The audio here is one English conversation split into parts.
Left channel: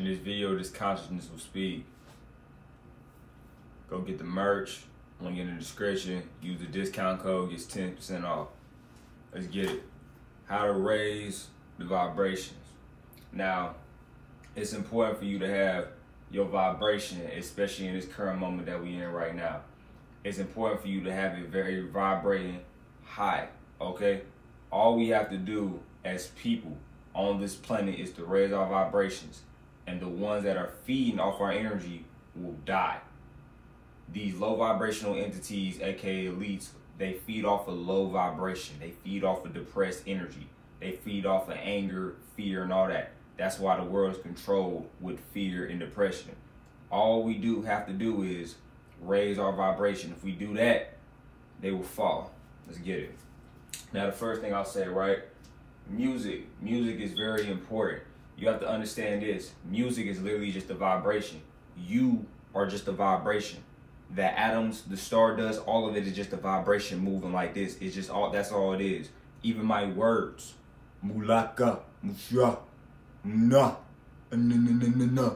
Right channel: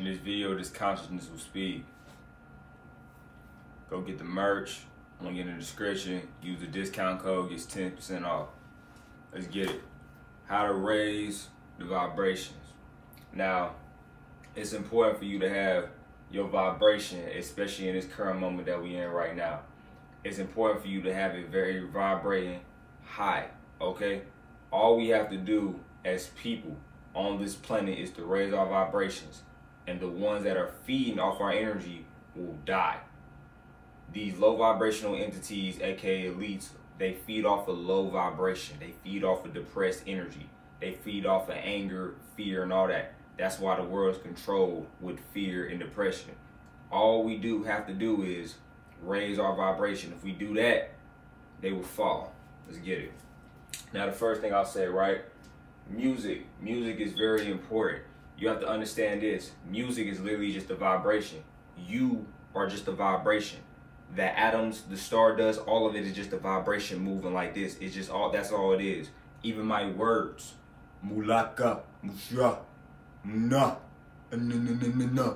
In this video, this consciousness will speak. Go get the merch. Link in the description. Use the discount code, gets 10% off. Let's get it. How to raise the vibrations. Now, it's important for you to have your vibration, especially in this current moment that we're in right now. It's important for you to have it very vibrating high, okay? All we have to do as people on this planet is to raise our vibrations, and the ones that are feeding off our energy will die. These low vibrational entities, aka elites, they feed off of low vibration. They feed off of depressed energy. They feed off of anger, fear, and all that. That's why the world is controlled with fear and depression. All we have to do is raise our vibration. If we do that, they will fall. Let's get it. Now, the first thing I'll say, right? Music. Music is very important. You have to understand this. Music is literally just a vibration. You are just a vibration. The atoms, the stardust, all of it is just a vibration moving like this. It's just all, that's all it is. Even my words. Mulaka, musha, na, na.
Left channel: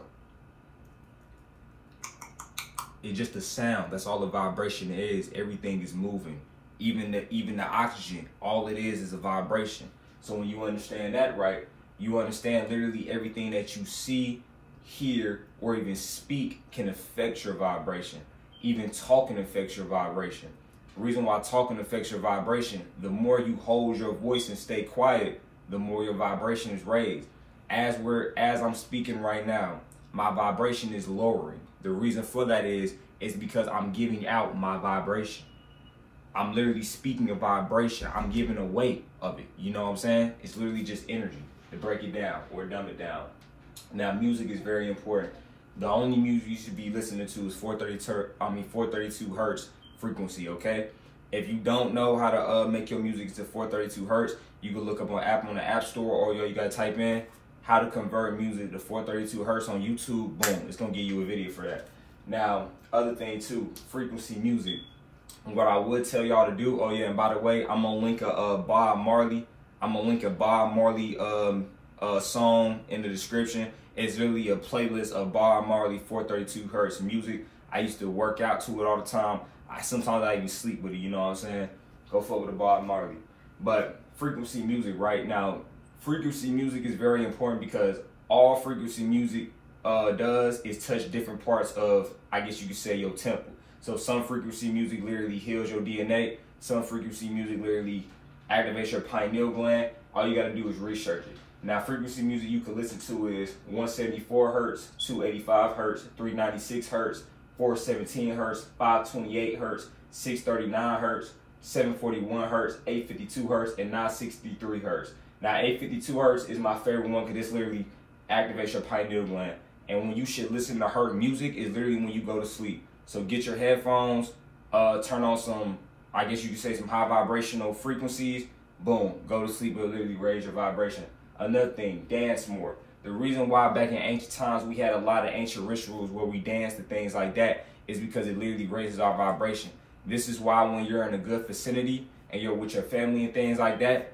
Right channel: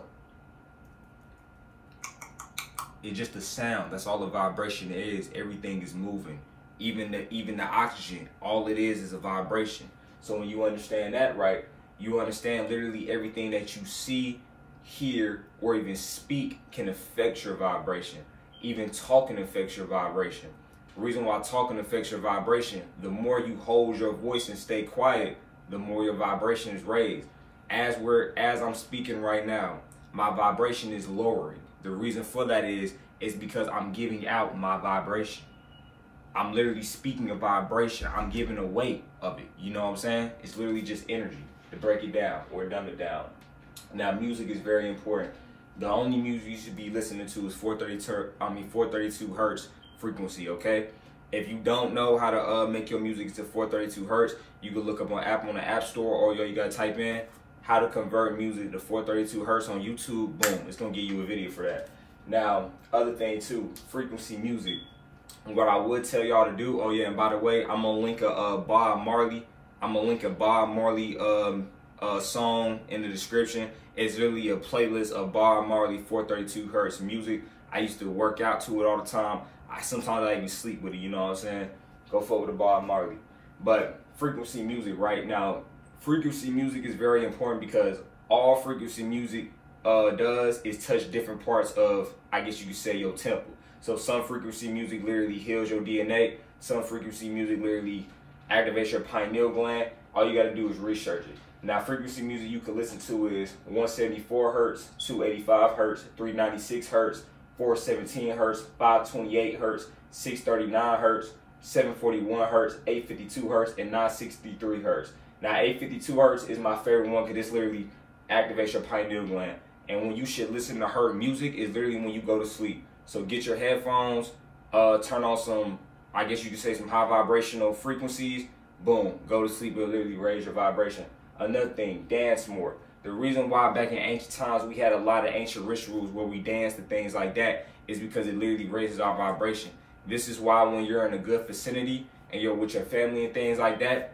It's just a sound. That's all the vibration is. Everything is moving. Even the oxygen, all it is a vibration. So when you understand that, right, you understand literally everything that you see, hear, or even speak can affect your vibration. Even talking affects your vibration. The reason why talking affects your vibration, the more you hold your voice and stay quiet, the more your vibration is raised. As I'm speaking right now, my vibration is lowering. The reason for that is because I'm giving out my vibration. I'm literally speaking a vibration. I'm giving a weight of it. You know what I'm saying? It's literally just energy, to break it down or dumb it down. Now, music is very important. The only music you should be listening to is 432 hertz frequency, okay? If you don't know how to make your music to 432 hertz, you can look up on the App Store, or you gotta type in how to convert music to 432 hertz on YouTube. Boom, it's gonna give you a video for that. Now, other thing too, frequency music. What I would tell y'all to do, oh yeah, and by the way, I'm gonna link a Bob Marley. I'm gonna link a Bob Marley song in the description. It's literally a playlist of Bob Marley 432 hertz music. I used to work out to it all the time. Sometimes I even sleep with it, you know what I'm saying? Go forward with Bob Marley. But frequency music right now, frequency music is very important because all frequency music does is touch different parts of, I guess you could say, your temple. So some frequency music literally heals your DNA. Some frequency music literally activates your pineal gland. All you gotta do is research it. Now, frequency music you can listen to is 174 hertz, 285 hertz, 396 hertz, 417 hertz, 528 hertz, 639 hertz, 741 hertz, 852 hertz, and 963 hertz. Now, 852 hertz is my favorite one because this literally activates your pineal gland. And when you should listen to her music is literally when you go to sleep. So get your headphones, turn on some, I guess you could say, some high vibrational frequencies. Boom, go to sleep. It'll literally raise your vibration. Another thing, dance more. The reason why back in ancient times we had a lot of ancient rituals where we danced and things like that is because it literally raises our vibration. This is why when you're in a good vicinity and you're with your family and things like that,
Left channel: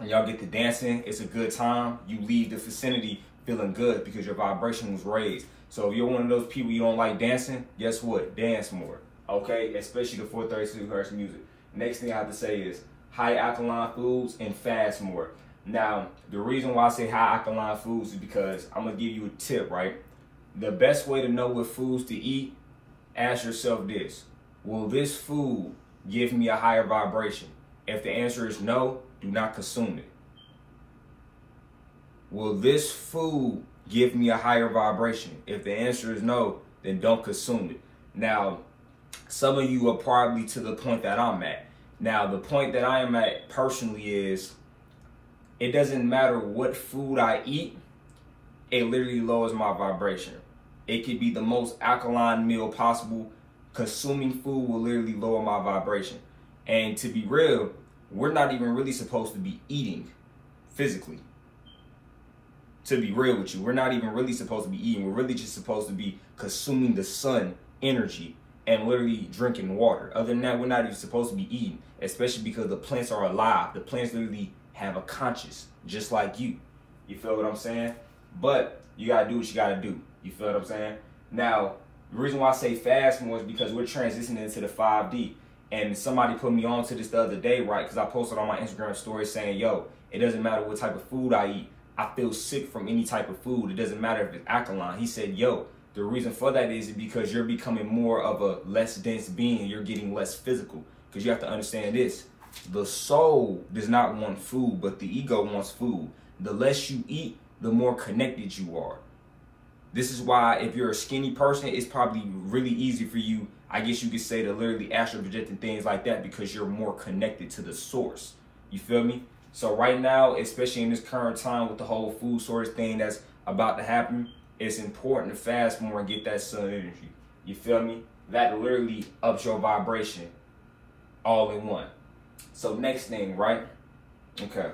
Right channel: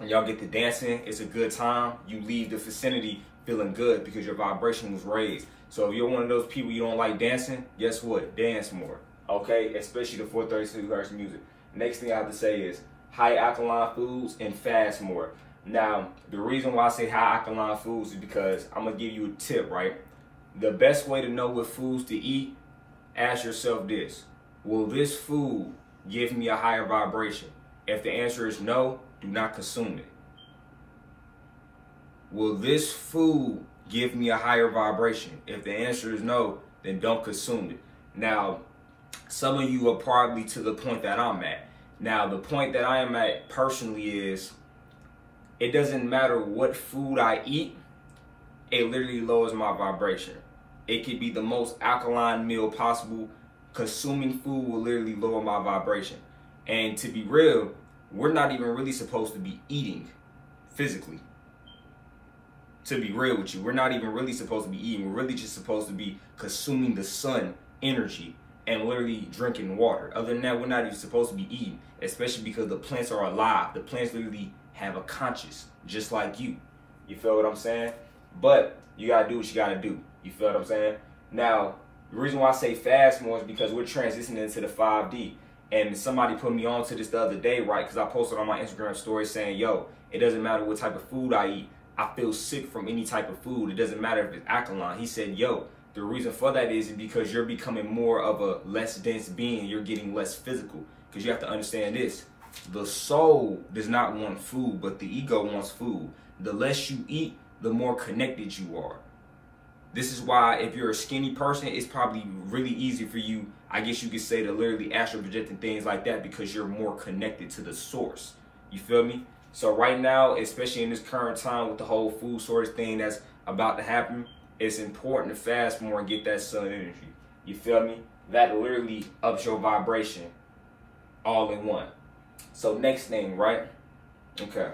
and y'all get to dancing, it's a good time. You leave the vicinity feeling good because your vibration was raised. So if you're one of those people you don't like dancing, guess what? Dance more, okay? Especially the 432 hertz music. Next thing I have to say is high alkaline foods and fast more. Now, the reason why I say high alkaline foods is because I'm gonna give you a tip, right? The best way to know what foods to eat, ask yourself this: will this food give me a higher vibration? If the answer is no, do not consume it. Will this food give me a higher vibration? If the answer is no, then don't consume it. Now, some of you are probably to the point that I'm at. Now, the point that I am at personally is, it doesn't matter what food I eat, it literally lowers my vibration. It could be the most alkaline meal possible. Consuming food will literally lower my vibration. And to be real, we're not even really supposed to be eating physically. To be real with you, we're not even really supposed to be eating. We're really just supposed to be consuming the sun energy and literally drinking water. Other than that, we're not even supposed to be eating, especially because the plants are alive. The plants literally have a conscience, just like you. You feel what I'm saying? But you gotta do what you gotta do. You feel what I'm saying? Now, the reason why I say fast more is because we're transitioning into the 5D. And somebody put me on to this the other day, right? Because I posted on my Instagram story saying, yo, it doesn't matter what type of food I eat. I feel sick from any type of food. It doesn't matter if it's alkaline. He said, yo, the reason for that is because you're becoming more of a less dense being. You're getting less physical. Because you have to understand this. The soul does not want food, but the ego wants food. The less you eat, the more connected you are. This is why if you're a skinny person, it's probably really easy for you, I guess you could say, to literally astral project and things like that because you're more connected to the source. You feel me? So right now, especially in this current time with the whole food source thing that's about to happen, it's important to fast more and get that sun energy. You feel me? That literally ups your vibration all in one. So next thing, right? Okay.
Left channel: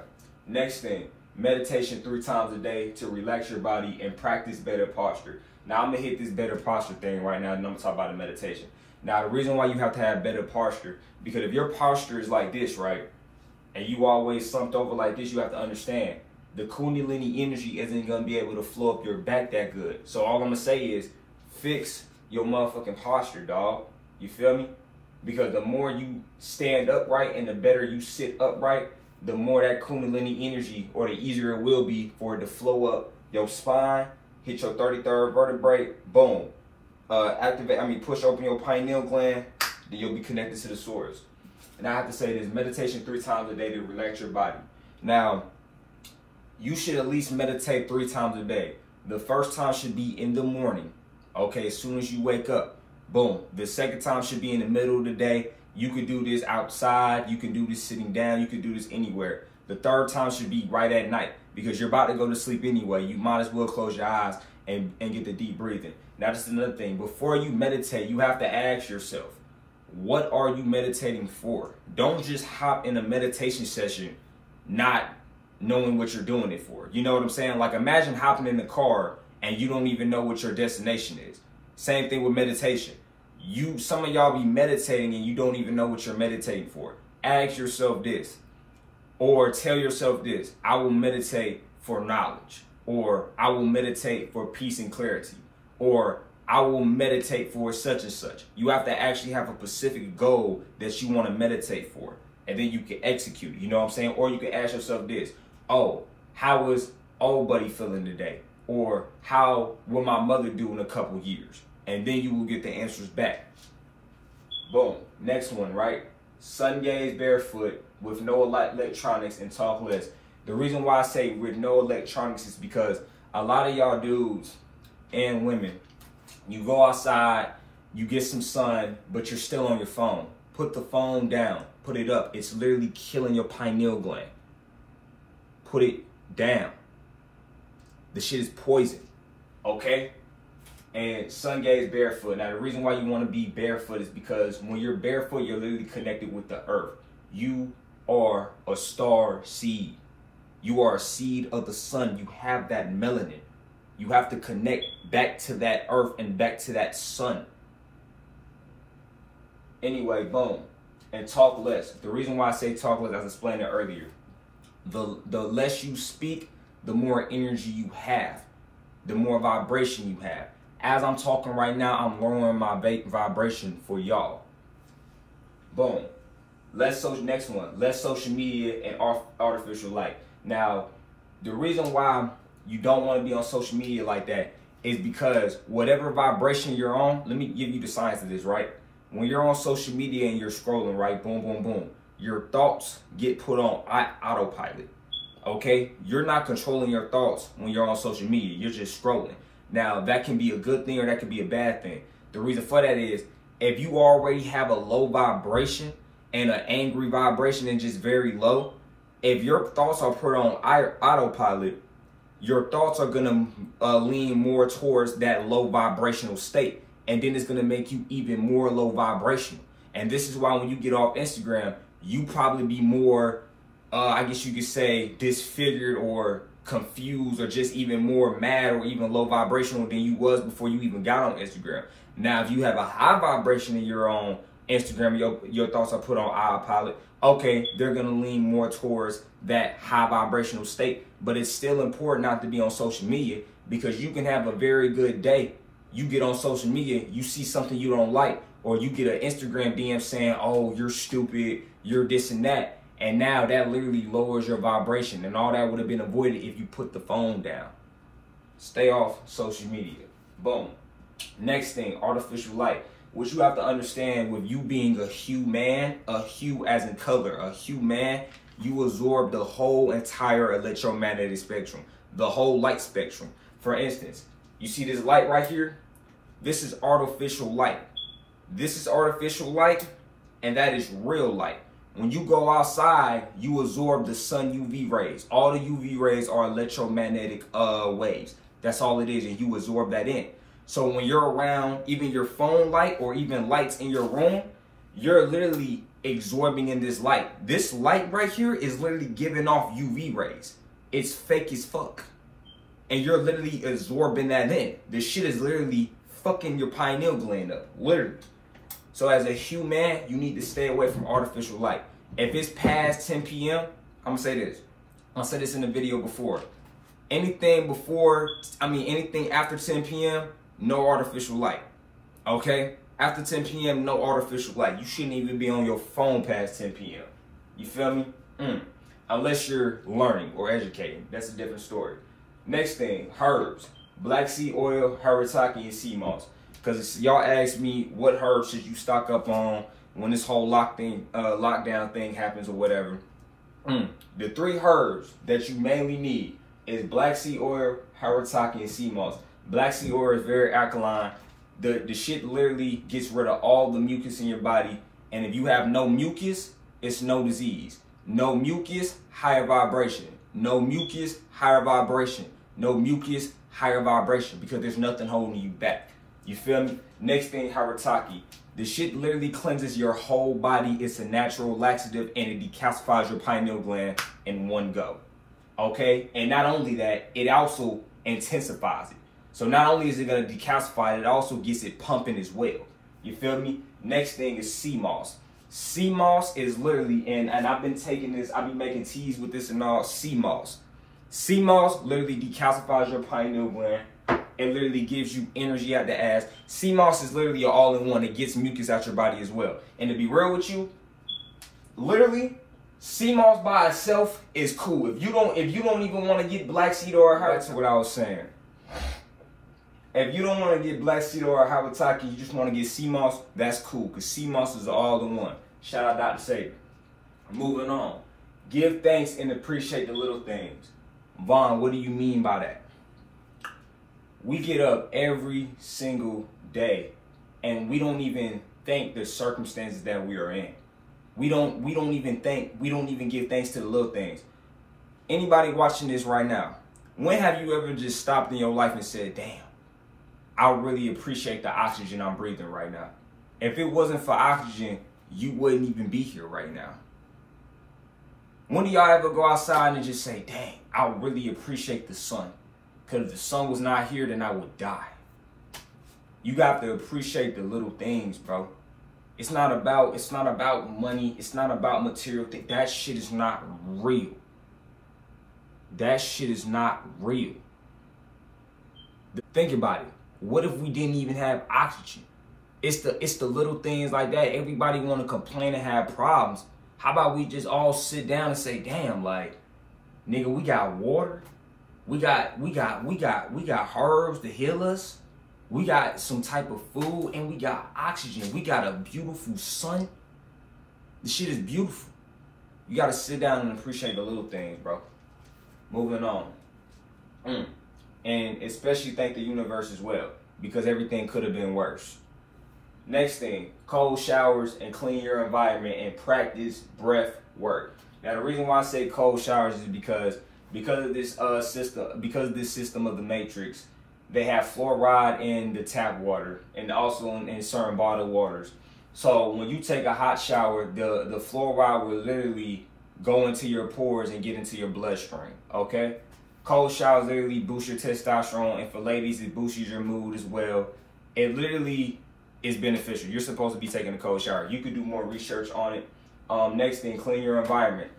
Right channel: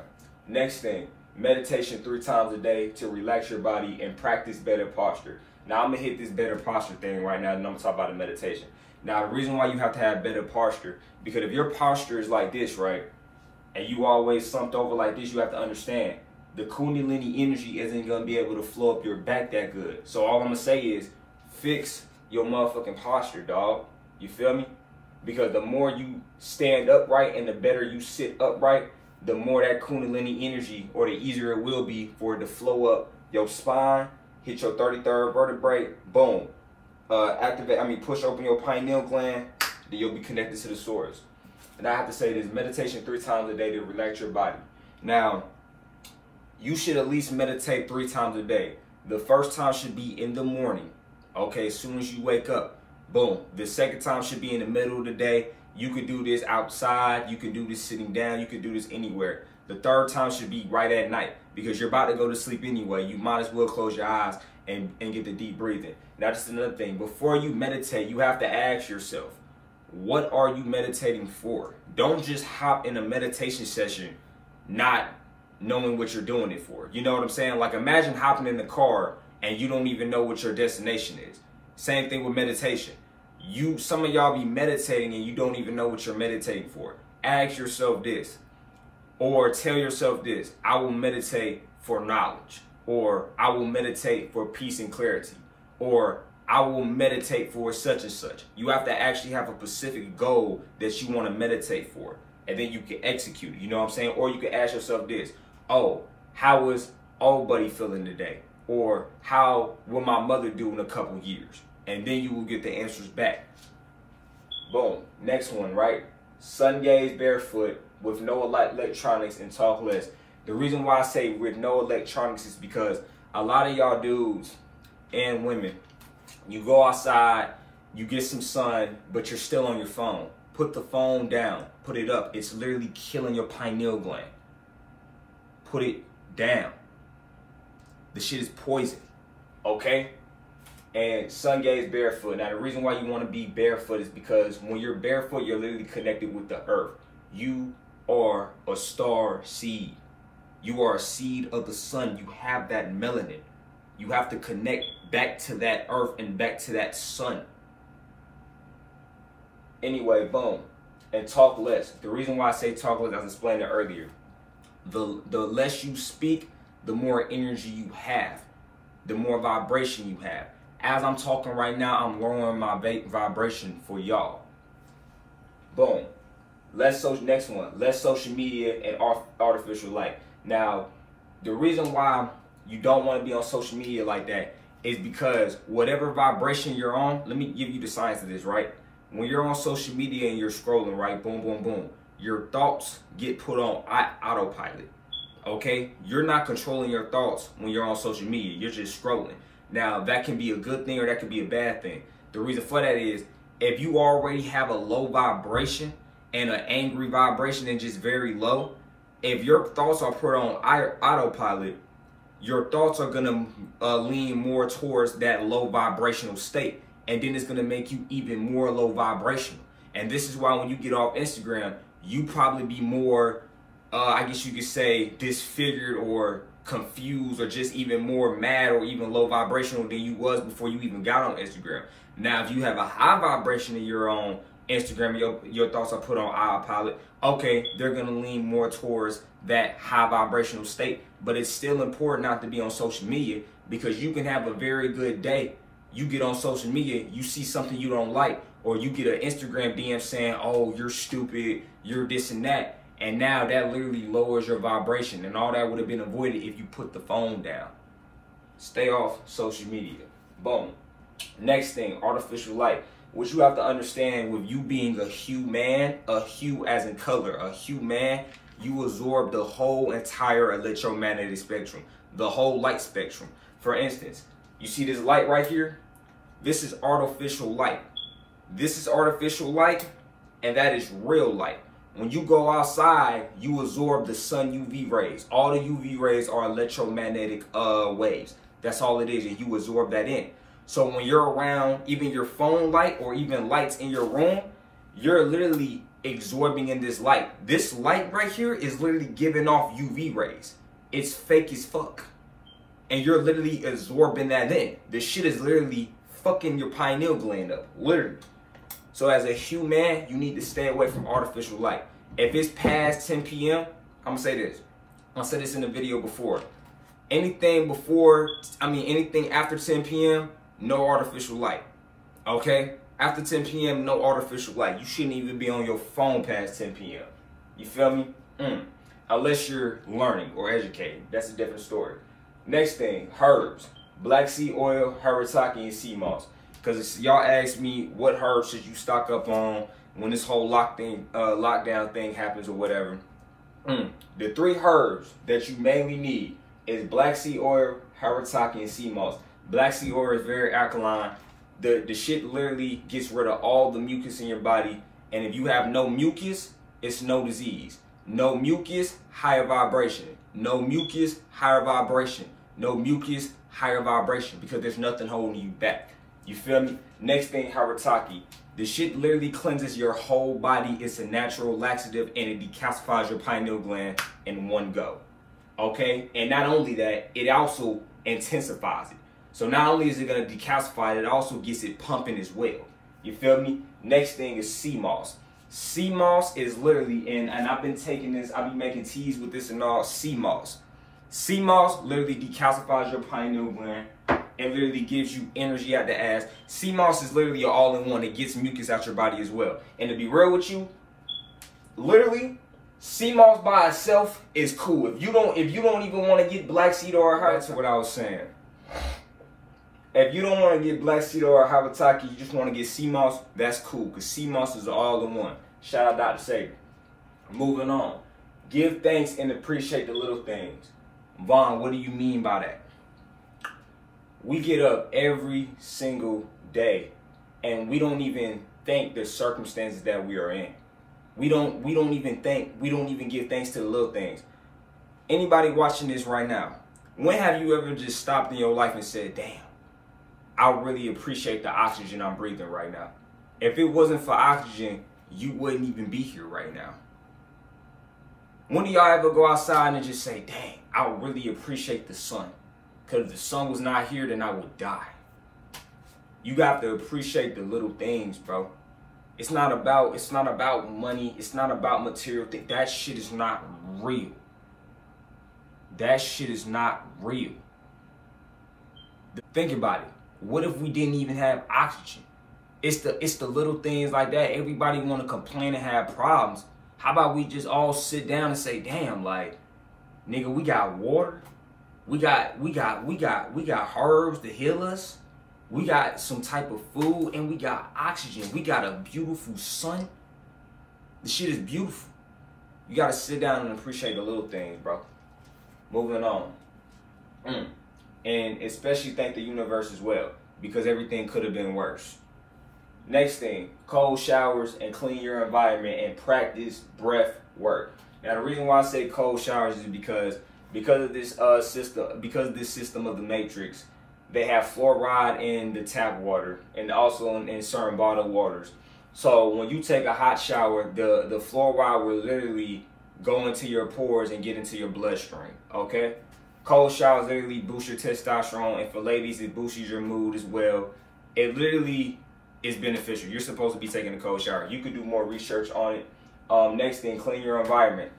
Next thing, meditation 3 times a day to relax your body and practice better posture. Now I'm gonna hit this better posture thing right now, and I'm gonna talk about the meditation. Now the reason why you have to have better posture, because if your posture is like this, right, and you always slumped over like this, you have to understand the Kundalini energy isn't gonna be able to flow up your back that good. So all I'm gonna say is fix your motherfucking posture, dog. You feel me? Because the more you stand upright and the better you sit upright, the more that Kundalini energy, or the easier it will be for it to flow up your spine, hit your 33rd vertebrae, boom. Push open your pineal gland, then you'll be connected to the source. And I have to say this, meditation 3 times a day to relax your body. Now, you should at least meditate 3 times a day. The first time should be in the morning, okay, as soon as you wake up. Boom. The second time should be in the middle of the day. You could do this outside. You can do this sitting down. You could do this anywhere. The third time should be right at night because you're about to go to sleep anyway. You might as well close your eyes and get the deep breathing. Now, just another thing. Before you meditate, you have to ask yourself, what are you meditating for? Don't just hop in a meditation session not knowing what you're doing it for. You know what I'm saying? Like, imagine hopping in the car and you don't even know what your destination is. Same thing with meditation. Some of y'all be meditating and you don't even know what you're meditating for. Ask yourself this, or tell yourself this: I will meditate for knowledge, or I will meditate for peace and clarity, or I will meditate for such and such. You have to actually have a specific goal that you want to meditate for, and then you can execute it. You know what I'm saying? Or you can ask yourself this: oh, how is old buddy feeling today? Or how will my mother do in a couple years? And then you will get the answers back. Boom. Next one, right? Sun gaze barefoot with no electronics and talk less. The reason why I say with no electronics is because a lot of y'all dudes and women, you go outside, you get some sun, but you're still on your phone. Put the phone down. Put it up. It's literally killing your pineal gland. Put it down. The shit is poison. Okay? And sun gaze barefoot. Now, the reason why you want to be barefoot is because when you're barefoot, you're literally connected with the earth. You are a star seed. You are a seed of the sun. You have that melanin. You have to connect back to that earth and back to that sun. Anyway, boom. And talk less. The reason why I say talk less, I explained it earlier. The less you speak, the more energy you have. The more vibration you have. As I'm talking right now, I'm lowering my vibration for y'all. Boom. Next one. Less social media and artificial light. Now, the reason why you don't want to be on social media like that is because whatever vibration you're on, let me give you the science of this, right? When you're on social media and you're scrolling, right? Boom, boom, boom. Your thoughts get put on autopilot. Okay? You're not controlling your thoughts when you're on social media. You're just scrolling. Now, that can be a good thing or that can be a bad thing. The reason for that is if you already have a low vibration and an angry vibration and just very low, if your thoughts are put on autopilot, your thoughts are going to lean more towards that low vibrational state. And then it's going to make you even more low vibrational. And this is why when you get off Instagram, you probably be more, I guess you could say, disfigured or confused or just even more mad or even low vibrational than you was before you even got on Instagram. Now, if you have a high vibration in your own Instagram, your thoughts are put on autopilot, okay, they're going to lean more towards that high vibrational state. But it's still important not to be on social media because you can have a very good day. You get on social media, you see something you don't like, or you get an Instagram DM saying, oh, you're stupid, you're this and that. And now that literally lowers your vibration, and all that would have been avoided if you put the phone down. Stay off social media. Boom. Next thing, artificial light. What you have to understand with you being a hue man, a hue as in color, a hue man, you absorb the whole entire electromagnetic spectrum, the whole light spectrum. For instance, you see this light right here? This is artificial light. This is artificial light, and that is real light. When you go outside, you absorb the sun UV rays. All the UV rays are electromagnetic waves. That's all it is, and you absorb that in. So when you're around even your phone light or even lights in your room, you're literally absorbing in this light. This light right here is literally giving off UV rays. It's fake as fuck. And you're literally absorbing that in. This shit is literally fucking your pineal gland up, literally. So as a human, you need to stay away from artificial light. If it's past 10 p.m., I'm gonna say this. I said this in the video before. Anything after 10 p.m., no artificial light, okay? After 10 p.m., no artificial light. You shouldn't even be on your phone past 10 p.m. You feel me? Unless you're learning or educating. That's a different story. Next thing, herbs. Black seed oil, haritaki, and sea moss. Because y'all asked me what herbs should you stock up on when this whole lockdown thing happens or whatever. The 3 herbs that you mainly need is black seed oil, haritaki, and sea moss. Black seed oil is very alkaline. The shit literally gets rid of all the mucus in your body. And if you have no mucus, it's no disease. No mucus, higher vibration. No mucus, higher vibration. No mucus, higher vibration. Because there's nothing holding you back. You feel me? Next thing, haritaki. The shit literally cleanses your whole body. It's a natural laxative, and it decalcifies your pineal gland in one go. Okay? And not only that, it also intensifies it. So not only is it going to decalcify it, it also gets it pumping as well. You feel me? Next thing is sea moss. Sea moss is literally, and I've been taking this, I've been making teas with this and all, sea moss. Sea moss literally decalcifies your pineal gland. It literally gives you energy out the ass. Sea moss is literally an all-in-one. It gets mucus out your body as well. And to be real with you, literally, sea moss by itself is cool. If you don't even want to get black seed or that's what I was saying. If you don't want to get black seed or haritaki, you just want to get sea moss, that's cool. Because sea moss is all-in-one. Shout out Dr. Sager. Moving on. Give thanks and appreciate the little things. Vaughn, what do you mean by that? We get up every single day and we don't even think the circumstances that we are in. We don't even give thanks to the little things. Anybody watching this right now, when have you ever just stopped in your life and said, damn, I really appreciate the oxygen I'm breathing right now. If it wasn't for oxygen, you wouldn't even be here right now. When do y'all ever go outside and just say, dang, I really appreciate the sun? Because if the sun was not here, then I would die. You got to appreciate the little things, bro. It's not about money. It's not about material things. That shit is not real. That shit is not real. Think about it. What if we didn't even have oxygen? It's the little things like that. Everybody want to complain and have problems. How about we just all sit down and say, damn, like, nigga, we got water. We got herbs to heal us. We got some type of food and we got oxygen. We got a beautiful sun. The shit is beautiful. You got to sit down and appreciate the little things, bro. Moving on. And especially thank the universe as well, because everything could have been worse. Next thing, cold showers and clean your environment and practice breath work. Now the reason why I say cold showers is because of this system of the matrix. They have fluoride in the tap water and also in certain bottled waters. So when you take a hot shower, the fluoride will literally go into your pores and get into your bloodstream, okay? Cold showers literally boost your testosterone, and for ladies, it boosts your mood as well. It literally is beneficial. You're supposed to be taking a cold shower. You could do more research on it. Next thing, clean your environment.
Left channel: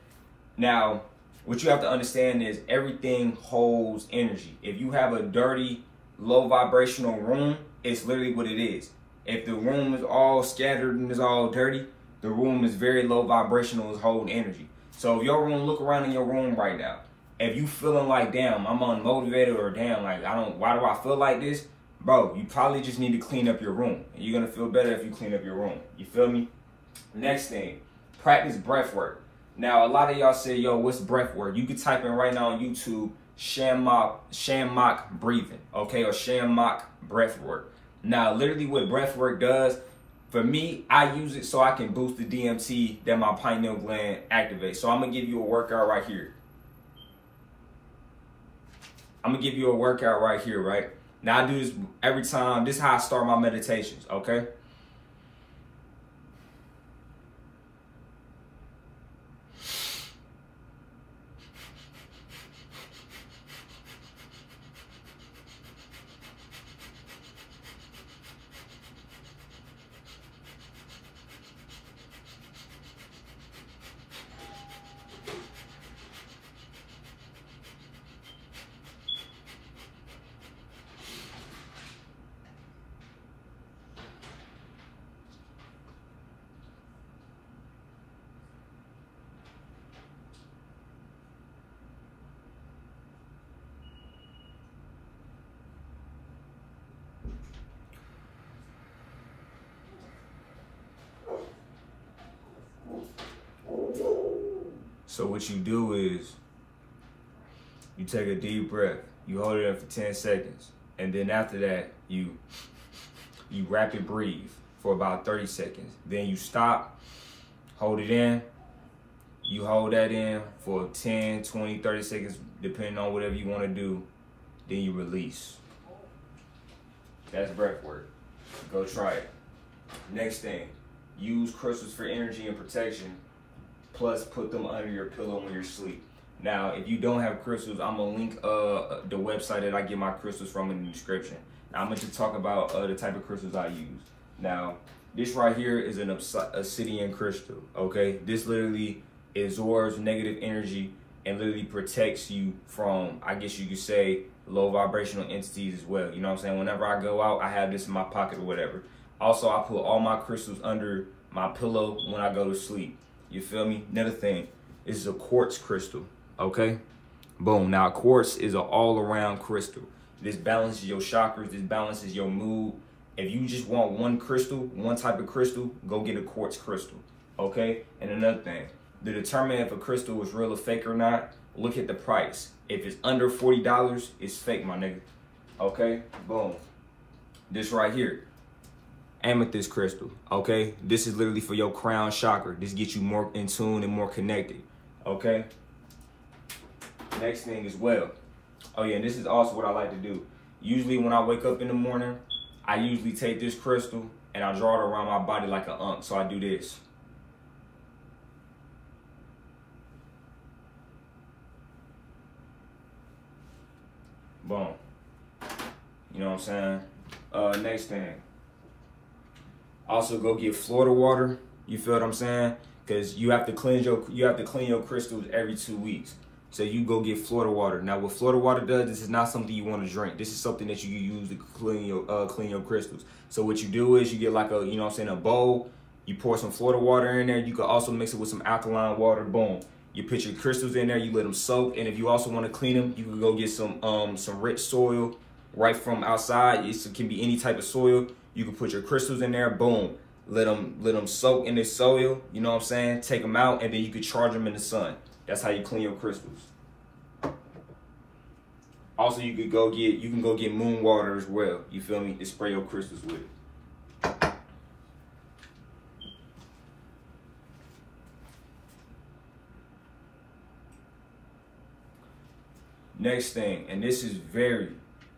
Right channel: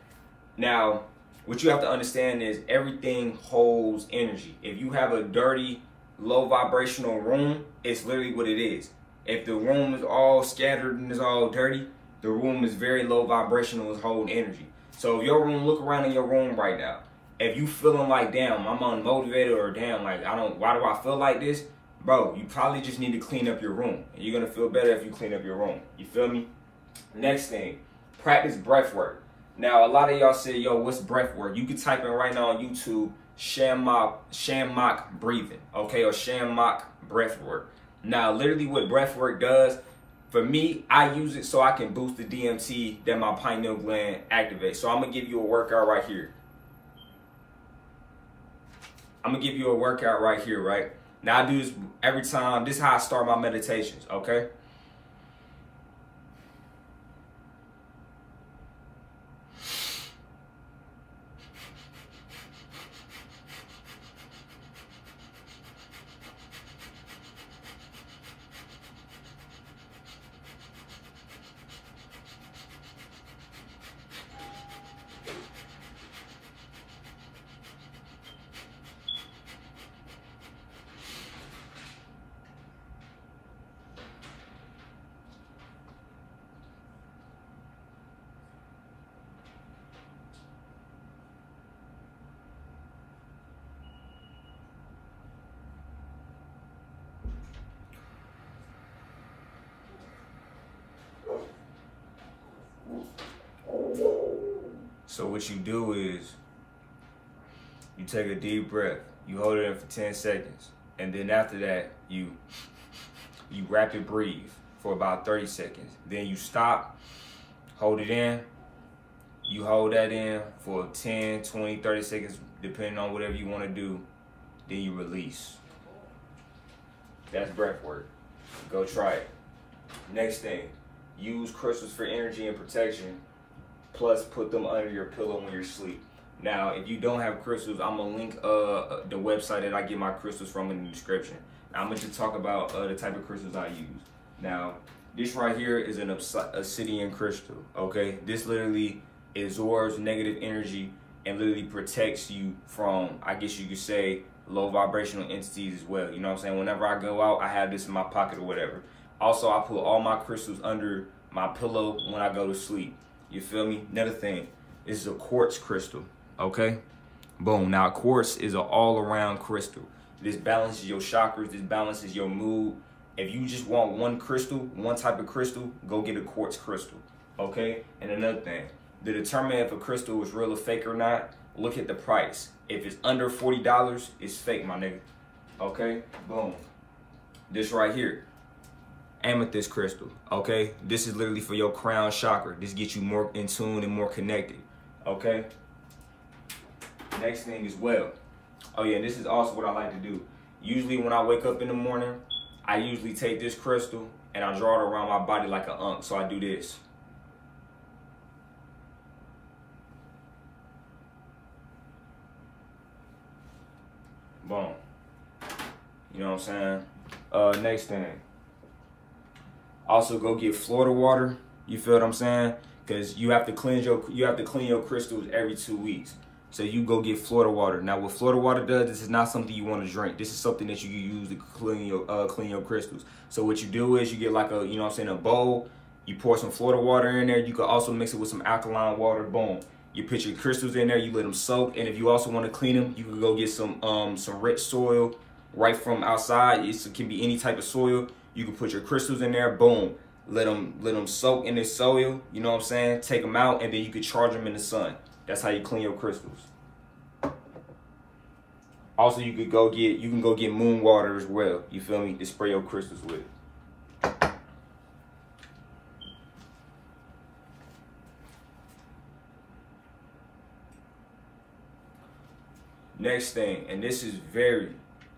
Now, what you have to understand is everything holds energy. If you have a dirty, low vibrational room, it's literally what it is. If the room is all scattered and is all dirty, the room is very low vibrational, is holding energy. So if your room, look around in your room right now. If you feeling like, damn, I'm unmotivated, or damn, like, why do I feel like this? Bro, you probably just need to clean up your room. And you're gonna feel better if you clean up your room. You feel me? Next thing, practice breath work. Now, a lot of y'all say, yo, what's breath work? You can type in right now on YouTube, Shamrock breathing, okay, or Shamrock breath work. Now, literally what breath work does, for me, I use it so I can boost the DMT that my pineal gland activates. So I'm gonna give you a workout right here. Right? Now I do this every time. This is how I start my meditations, okay? So what you do is you take a deep breath, you hold it in for 10 seconds, and then after that, you rapid breathe for about 30 seconds. Then you stop, hold it in, you hold that in for 10, 20, 30 seconds, depending on whatever you want to do, then you release. That's breath work. Go try it. Next thing, use crystals for energy and protection. Plus, put them under your pillow when you're asleep. Now, if you don't have crystals, I'm gonna link the website that I get my crystals from in the description. Now, I'm going to talk about the type of crystals I use. Now, this right here is an obsidian crystal, okay? This literally absorbs negative energy and literally protects you from, I guess you could say, low vibrational entities as well. You know what I'm saying? Whenever I go out, I have this in my pocket or whatever. Also, I put all my crystals under my pillow when I go to sleep. You feel me? Another thing, this is a quartz crystal, okay? Boom. Now, quartz is an all-around crystal. This balances your chakras. This balances your mood. If you just want one crystal, one type of crystal, go get a quartz crystal, okay? And another thing, to determine if a crystal is real or fake or not, look at the price. If it's under $40, it's fake, my nigga, okay? Boom. This right here, amethyst crystal, okay? This is literally for your crown chakra. This gets you more in tune and more connected, okay? Next thing as well. Oh yeah, and this is also what I like to do. Usually when I wake up in the morning, I usually take this crystal and I draw it around my body like an unk. So I do this. Boom. You know what I'm saying? Next thing. Also go get Florida water. You feel what I'm saying? Because you have to clean your crystals every 2 weeks. So you go get Florida water. Now what Florida water does, this is not something you want to drink. This is something that you can use to clean your crystals. So what you do is you get like a, you know what I'm saying, a bowl. You pour some Florida water in there. You can also mix it with some alkaline water. Boom. You put your crystals in there. You let them soak. And if you also want to clean them, you can go get some rich soil right from outside. It can be any type of soil. You can put your crystals in there. Boom. Let them soak in this soil. You know what I'm saying? Take them out, and then you can charge them in the sun. That's how you clean your crystals. Also, you can go get moon water as well. You feel me? To spray your crystals with. Next thing, and this is very,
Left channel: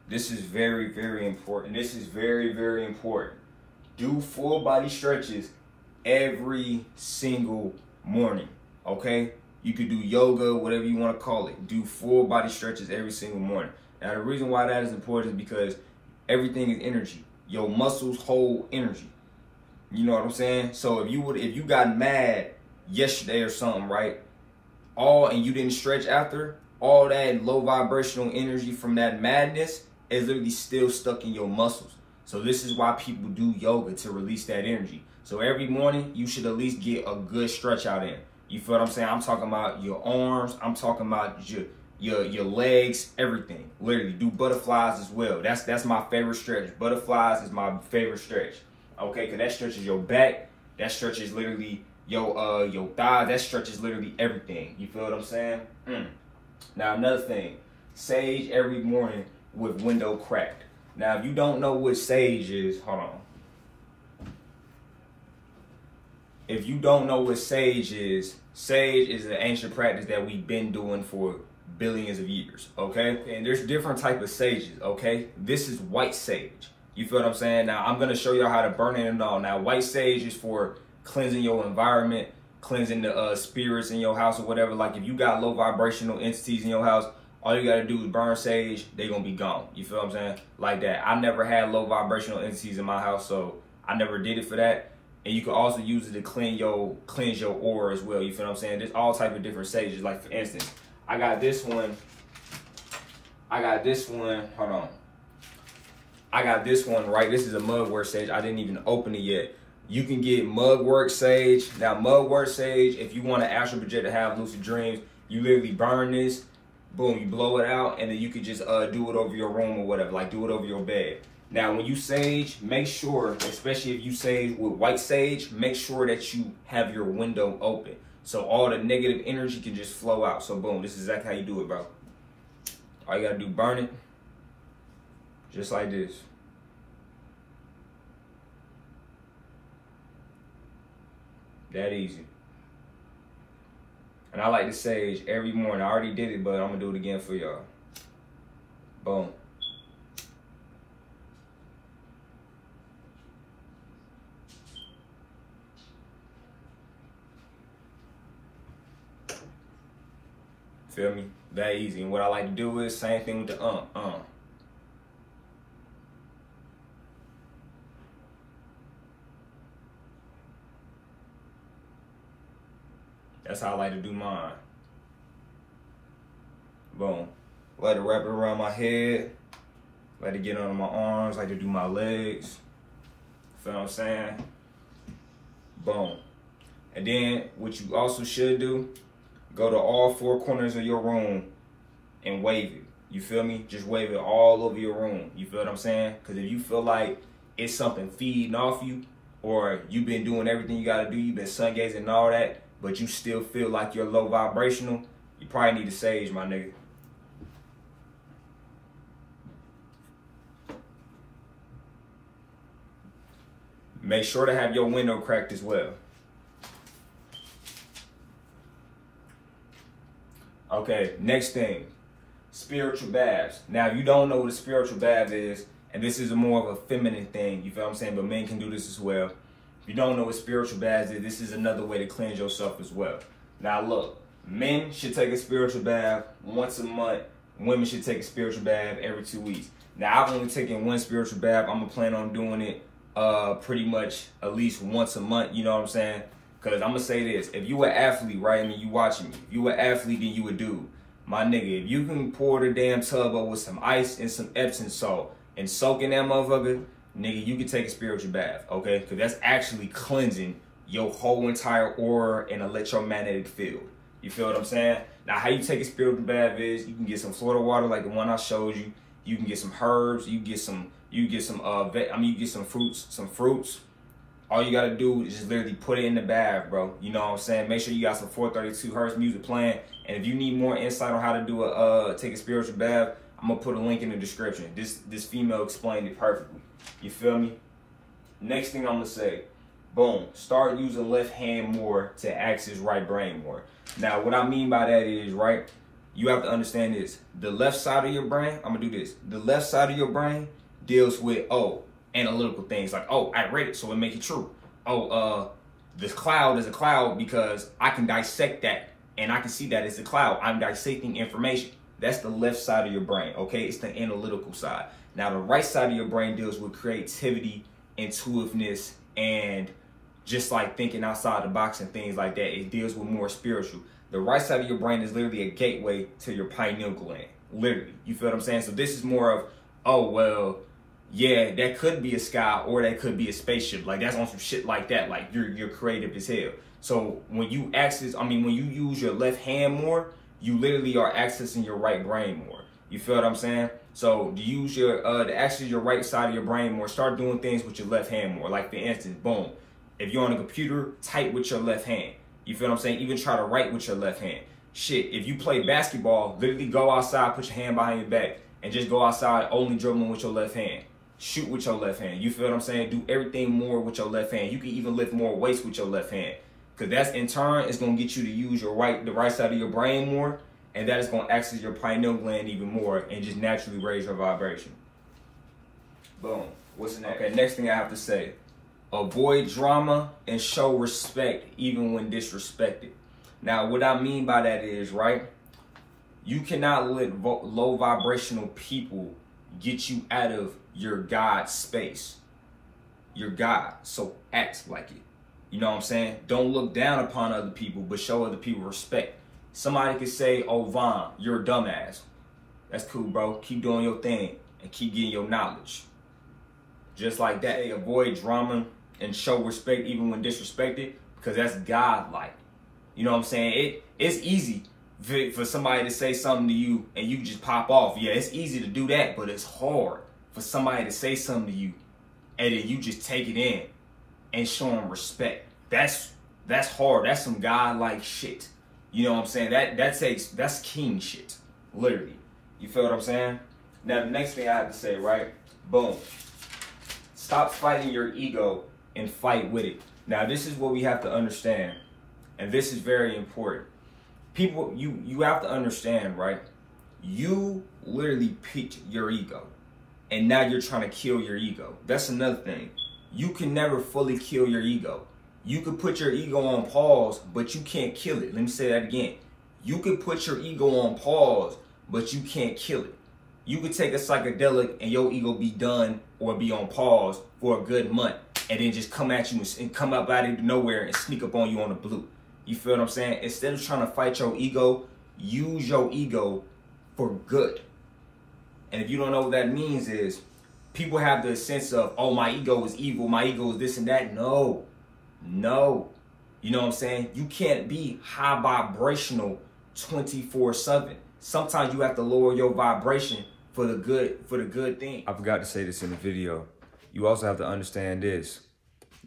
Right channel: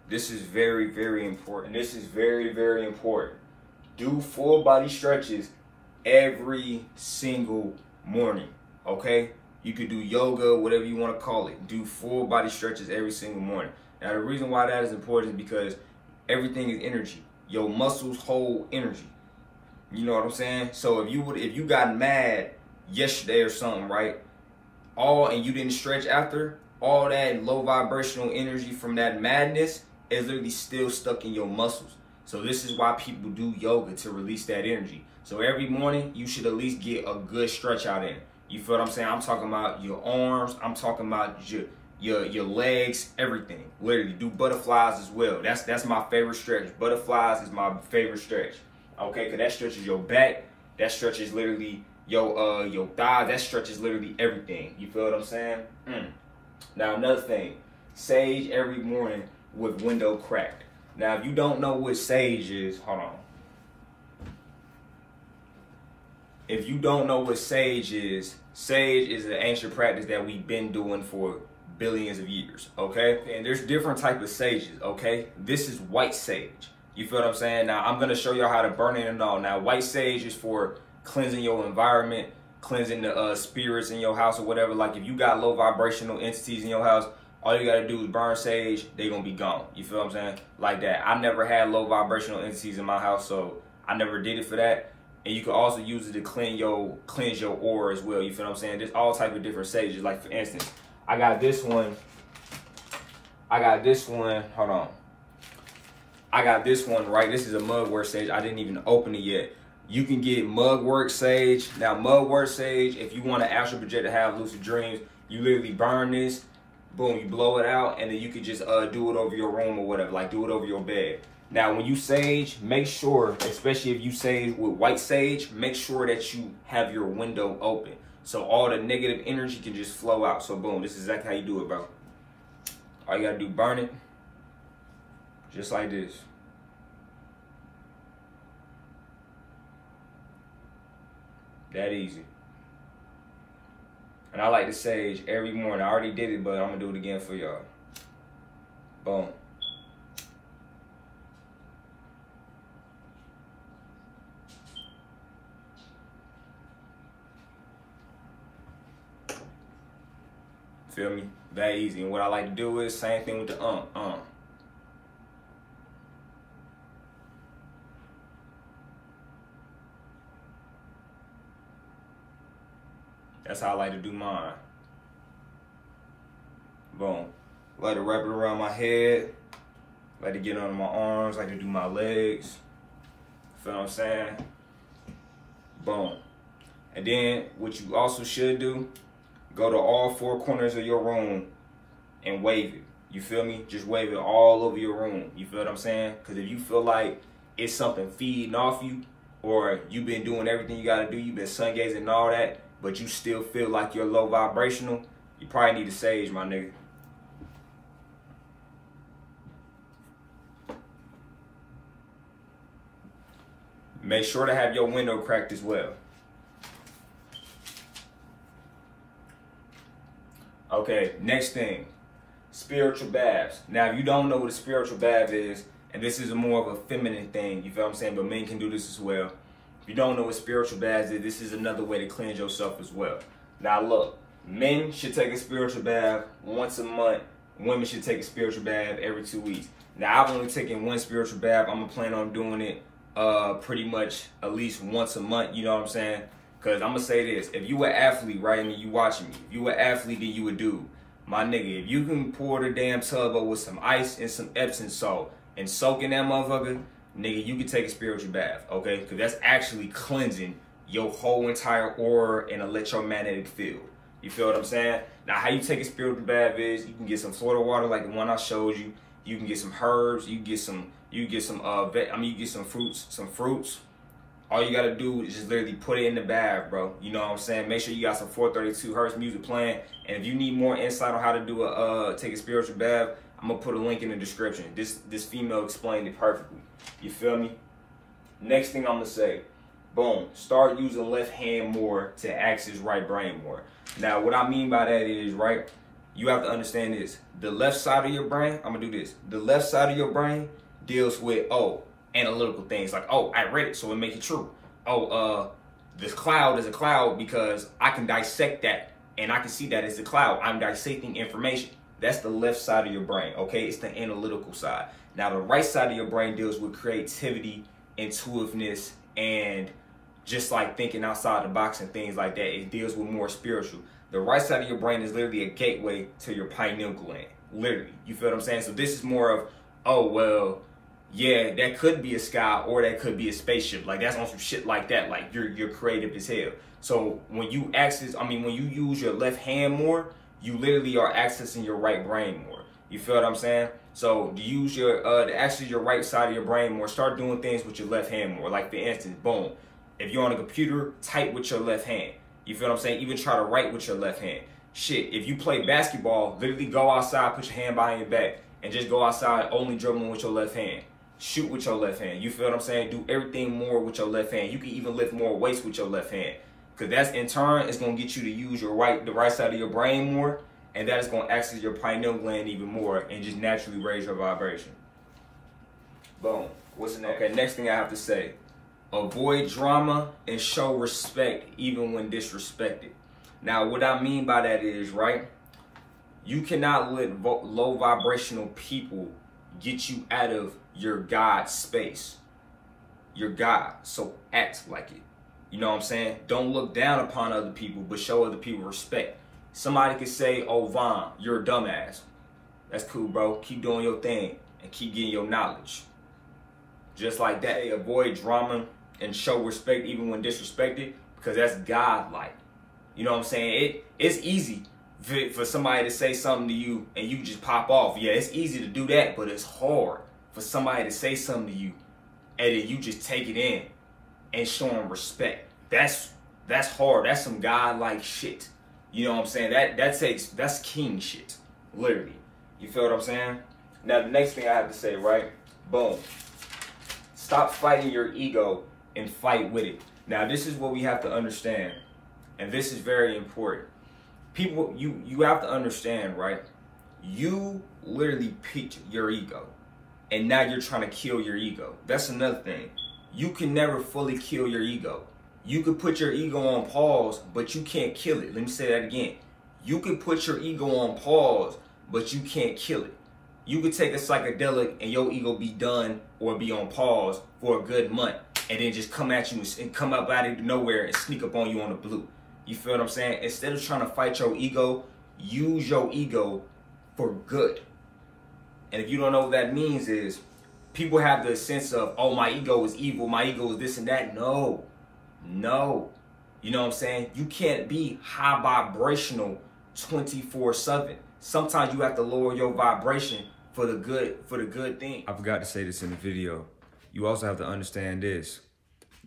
very important. This is very, very important. Do full body stretches every single morning, okay? You could do yoga, whatever you want to call it. Do full body stretches every single morning. Now, the reason why that is important is because everything is energy. Your muscles hold energy. You know what I'm saying? So if you got mad yesterday or something, right? and you didn't stretch after, all that low vibrational energy from that madness is literally still stuck in your muscles. So this is why people do yoga, to release that energy. So every morning you should at least get a good stretch out in. You feel what I'm saying? I'm talking about your arms, I'm talking about your legs, everything. Literally do butterflies as well. That's my favorite stretch. Butterflies is my favorite stretch. Okay, because that stretches your back, that stretches literally your thigh, that stretches literally everything. You feel what I'm saying? Now another thing, sage every morning with window cracked. Now if you don't know what sage is, hold on. If you don't know what sage is an ancient practice that we've been doing for billions of years, okay? And there's different type of sages, okay? This is white sage. You feel what I'm saying? Now I'm gonna show you how to burn it and all. Now white sage is for cleansing your environment, cleansing the spirits in your house or whatever. Like if you got low vibrational entities in your house, all you gotta do is burn sage, they gonna be gone. You feel what I'm saying? Like that. I never had low vibrational entities in my house, so I never did it for that. And you can also use it to cleanse your aura as well. You feel what I'm saying? There's all type of different sages. Like for instance, I got this one, hold on. I got this one, right? This is a mugwort sage. I didn't even open it yet. You can get mugwort sage. Now mugwort sage, if you want to astral project to have lucid dreams, you literally burn this, boom, you blow it out, and then you can just do it over your room or whatever, like do it over your bed. Now, when you sage, make sure, especially if you sage with white sage, make sure that you have your window open, so all the negative energy can just flow out. So boom, this is exactly how you do it, bro. All you gotta do, burn it, just like this. That easy. And I like to sage every morning. I already did it, but I'm gonna do it again for y'all. Boom. Feel me? That easy. And what I like to do is same thing with the That's how I like to do mine. Boom. Let it wrap it around my head. Let it get under my arms. Like to do my legs. Feel what I'm saying? Boom. And then what you also should do, go to all four corners of your room and wave it. You feel me? Just wave it all over your room. You feel what I'm saying? Because if you feel like it's something feeding off you, or you've been doing everything you got to do, you've been sun gazing and all that, but you still feel like you're low vibrational, you probably need to sage, my nigga. Make sure to have your window cracked as well. Okay, next thing, spiritual baths. Now, if you don't know what a spiritual bath is, and this is more of a feminine thing, you feel what I'm saying, but men can do this as well. If you don't know what spiritual baths is, this is another way to cleanse yourself as well. Now, look, men should take a spiritual bath once a month. Women should take a spiritual bath every 2 weeks. Now, I've only taken one spiritual bath. I'm going to plan on doing it pretty much at least once a month, you know what I'm saying? Because I'm going to say this, if you an athlete, right, and you watching me, if you an athlete, then you a dude. My nigga, if you can pour the damn tub up with some ice and some Epsom salt and soak in that motherfucker, nigga, you can take a spiritual bath, okay? Because that's actually cleansing your whole entire aura and electromagnetic field. You feel what I'm saying? Now, how you take a spiritual bath is you can get some Florida water like the one I showed you. You can get some herbs. You get some fruits. All you gotta do is just literally put it in the bath, bro. You know what I'm saying? Make sure you got some 432 hertz music playing. And if you need more insight on how to do take a spiritual bath, I'm gonna put a link in the description. This female explained it perfectly. You feel me? Next thing I'm gonna say, boom, start using left hand more to access right brain more. Now, what I mean by that is, right, you have to understand this. The left side of your brain, I'm gonna do this. The left side of your brain deals with, analytical things like, I read it, so it makes it true. This cloud is a cloud because I can dissect that and I can see that it's a cloud. I'm dissecting information. That's the left side of your brain, okay? It's the analytical side. Now, the right side of your brain deals with creativity, intuitiveness, and just like thinking outside the box and things like that. It deals with more spiritual. The right side of your brain is literally a gateway to your pineal gland. Literally. You feel what I'm saying? So this is more of, oh, well, yeah, that could be a sky or that could be a spaceship. Like, that's on some shit like that. Like, you're creative as hell. So when you when you use your left hand more, you literally are accessing your right brain more. You feel what I'm saying? So to use to access your right side of your brain more, start doing things with your left hand more. Like, for instance, boom, if you're on a computer, type with your left hand. You feel what I'm saying? Even try to write with your left hand. Shit, if you play basketball, literally go outside, put your hand behind your back, and just go outside only dribbling with your left hand. Shoot with your left hand. You feel what I'm saying? Do everything more with your left hand. You can even lift more weights with your left hand. Because that's, in turn, it's going to get you to use the right side of your brain more. And that is going to access your pineal gland even more and just naturally raise your vibration. Boom. What's the next? Okay, next thing I have to say. Avoid drama and show respect even when disrespected. Now, what I mean by that is, right, you cannot let low vibrational people get you out of your God space. You're God, so act like it. You know what I'm saying? Don't look down upon other people, but show other people respect. Somebody could say, oh, Von, you're a dumbass. That's cool, bro. Keep doing your thing and keep getting your knowledge. Just like that. Hey, avoid drama and show respect even when disrespected, because that's God-like. You know what I'm saying? It's easy for somebody to say something to you and you just pop off. Yeah, it's easy to do that, but it's hard for somebody to say something to you and then you just take it in and show them respect. That's hard. That's some God-like shit. You know what I'm saying? That's king shit, literally. You feel what I'm saying? Now, the next thing I have to say, right? Boom. Stop fighting your ego and fight with it. Now, this is what we have to understand, and this is very important. People, you have to understand, right? You literally picked your ego, and now you're trying to kill your ego. That's another thing. You can never fully kill your ego. You could put your ego on pause, but you can't kill it. Let me say that again. You could put your ego on pause, but you can't kill it. You could take a psychedelic and your ego be done or be on pause for a good month and then just come at you and come up out of nowhere and sneak up on you on the blue. You feel what I'm saying? Instead of trying to fight your ego, use your ego for good. And if you don't know what that means is, people have the sense of, oh, my ego is evil, my ego is this and that. No. You know what I'm saying? You can't be high vibrational 24/7. Sometimes you have to lower your vibration for the good thing. I forgot to say this in the video. You also have to understand this.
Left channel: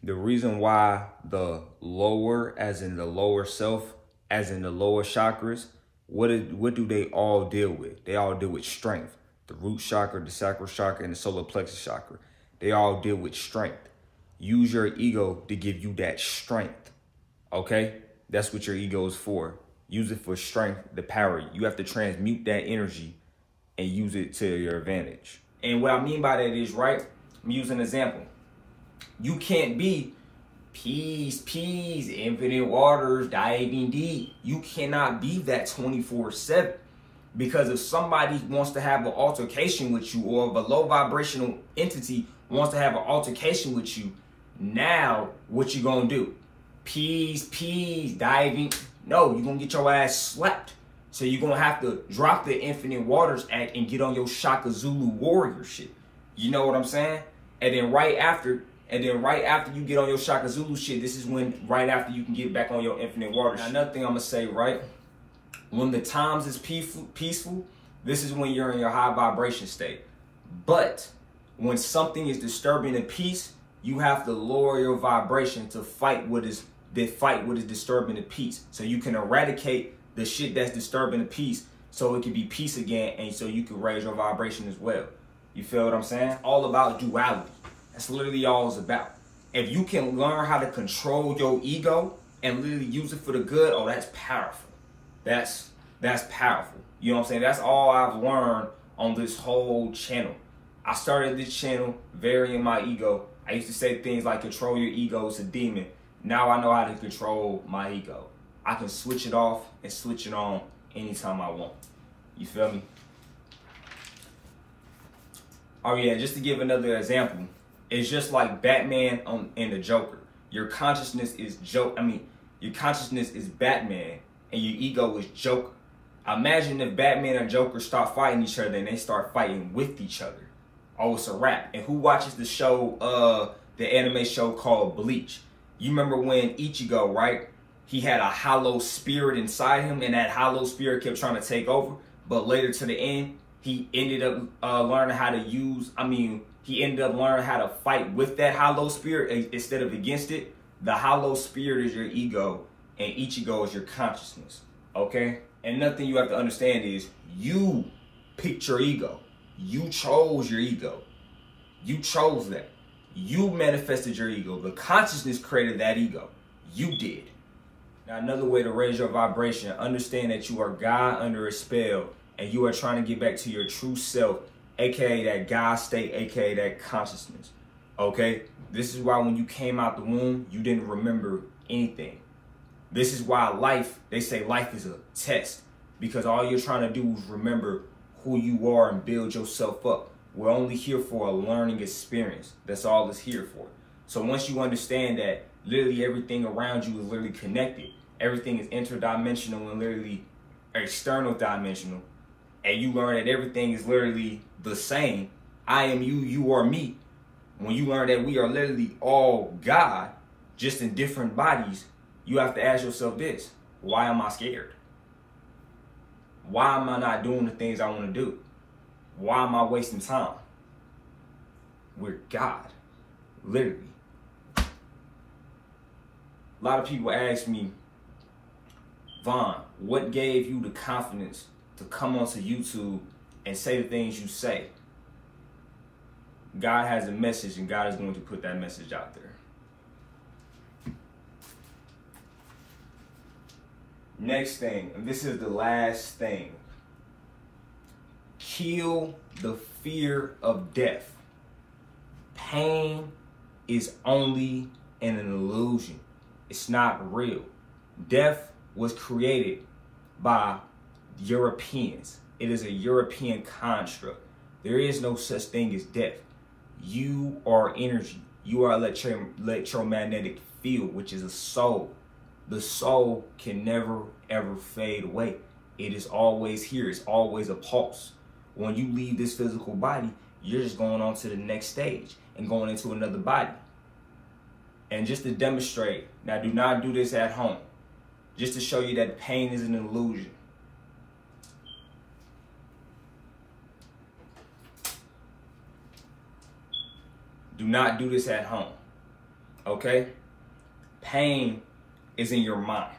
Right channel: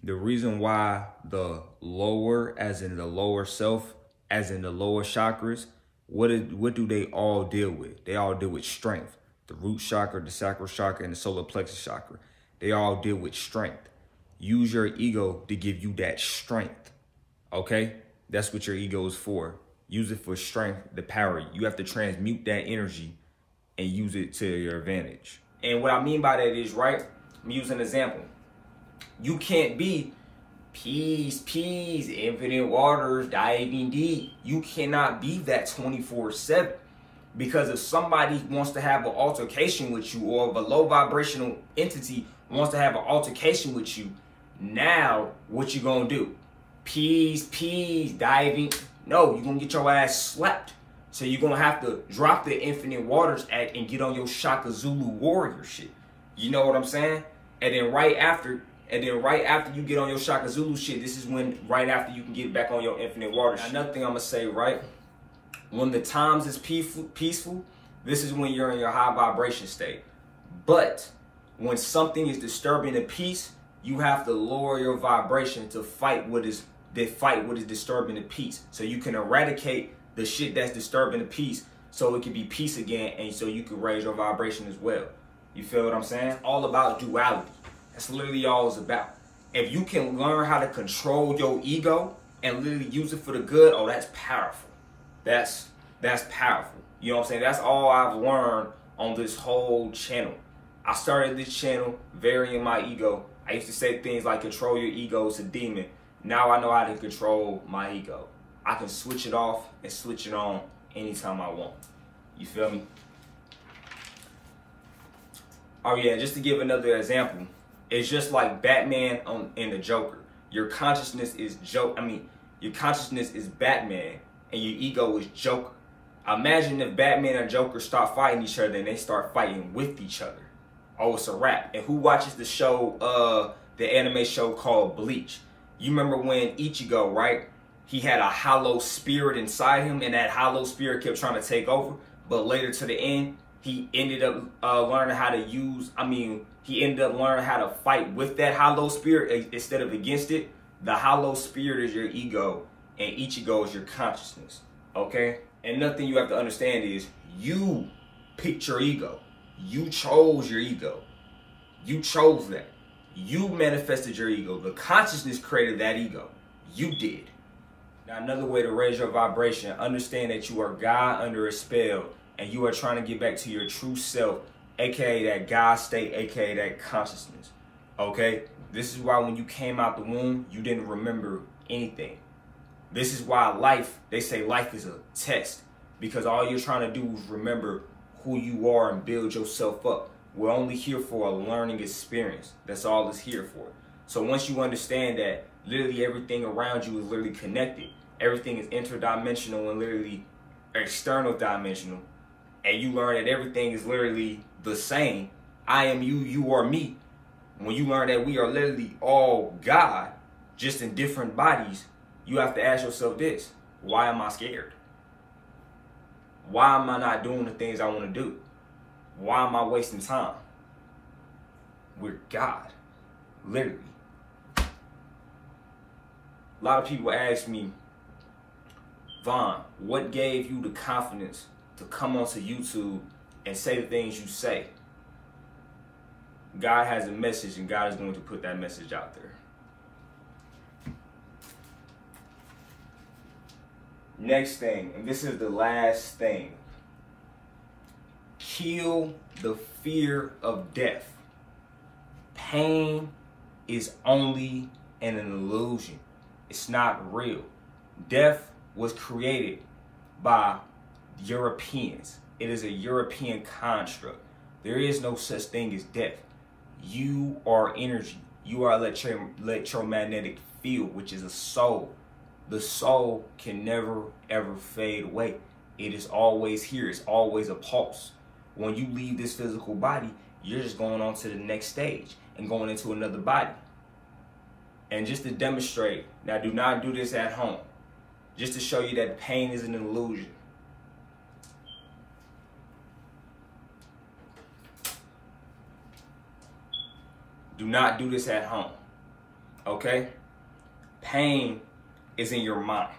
The reason why the lower, as in the lower self, as in the lower chakras, what do they all deal with? They all deal with strength. The root chakra, the sacral chakra, and the solar plexus chakra. They all deal with strength. Use your ego to give you that strength, okay? That's what your ego is for. Use it for strength, to power you. You have to transmute that energy and use it to your advantage. And what I mean by that is, right, I'm using an example. You can't be peace, infinite waters, diving deep. You cannot be that 24/7. Because if somebody wants to have an altercation with you, or if a low vibrational entity wants to have an altercation with you, now what you gonna do? Peace, diving. No, you're gonna get your ass slapped. So you're gonna have to drop the Infinite Waters act and get on your Shaka Zulu warrior shit. You know what I'm saying? And then right after you get on your Shaka Zulu shit, this is when right after you can get back on your Infinite Waters. Now, another thing I'm gonna say, right? When the times is peaceful, this is when you're in your high vibration state. But when something is disturbing the peace, you have to lower your vibration to fight what is disturbing the peace. So you can eradicate the shit that's disturbing the peace, so it can be peace again, and so you can raise your vibration as well. You feel what I'm saying? All about duality. That's literally all it's about. If you can learn how to control your ego and literally use it for the good, oh, that's powerful. That's powerful. You know what I'm saying? That's all I've learned on this whole channel. I started this channel varying my ego. I used to say things like control your ego, it's a demon. Now I know how to control my ego. I can switch it off and switch it on anytime I want. You feel me? Oh yeah, just to give another example, it's just like Batman and the Joker. Your consciousness is Batman, and your ego is Joker. Imagine if Batman and Joker start fighting each other and they start fighting with each other. Oh, it's a wrap. And who watches the show, the anime show called Bleach? You remember when Ichigo, right? He had a hollow spirit inside him, and that hollow spirit kept trying to take over. But later to the end, he ended up learning how to he ended up learning how to fight with that hollow spirit instead of against it. The hollow spirit is your ego, and Ichigo is your consciousness, okay? And another thing you have to understand is you picked your ego. You chose your ego. You chose that. You manifested your ego. The consciousness created that ego. You did. Now, another way to raise your vibration, understand that you are God under a spell, and you are trying to get back to your true self, aka that God state, aka that consciousness. Okay? This is why when you came out the womb, you didn't remember anything. This is why they say life is a test, because all you're trying to do is remember who you are and build yourself up. We're only here for a learning experience. That's all it's here for. So once you understand that literally everything around you is literally connected, everything is interdimensional and literally external dimensional, and you learn that everything is literally the same, I am you, you are me. When you learn that we are literally all God, just in different bodies, you have to ask yourself this: why am I scared? Why am I not doing the things I want to do? Why am I wasting time? We're God, literally. A lot of people ask me, Vaughn, what gave you the confidence to come onto YouTube and say the things you say? God has a message, and God is going to put that message out there. Next thing, and this is the last thing. Kill the fear of death. Pain is only an illusion. It's not real. Death was created by Europeans. It is a European construct. There is no such thing as death. You are energy. You are electromagnetic field, which is a soul. The soul can never, ever fade away. It is always here. It's always a pulse. When you leave this physical body, you're just going on to the next stage and going into another body. And just to demonstrate, now do not do this at home, just to show you that pain is an illusion. Do not do this at home, okay? Pain is in your mind.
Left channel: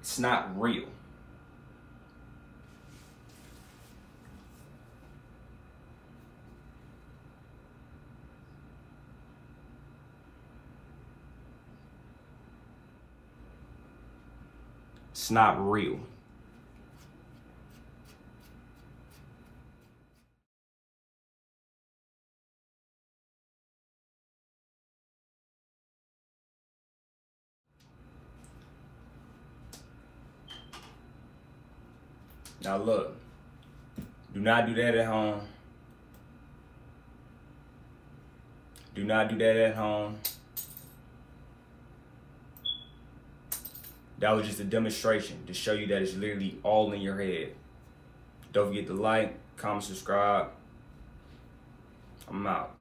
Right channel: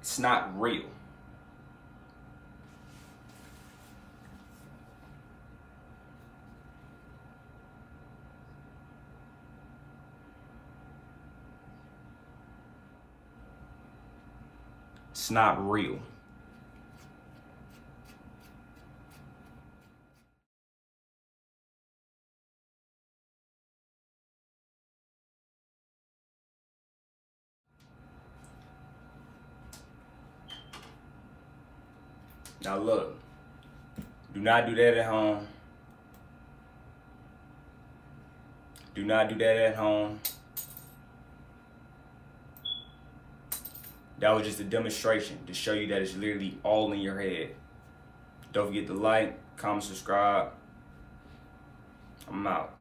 It's not real. It's not real. Now look, do not do that at home. Do not do that at home. That was just a demonstration to show you that it's literally all in your head. Don't forget to like, comment, subscribe. I'm out.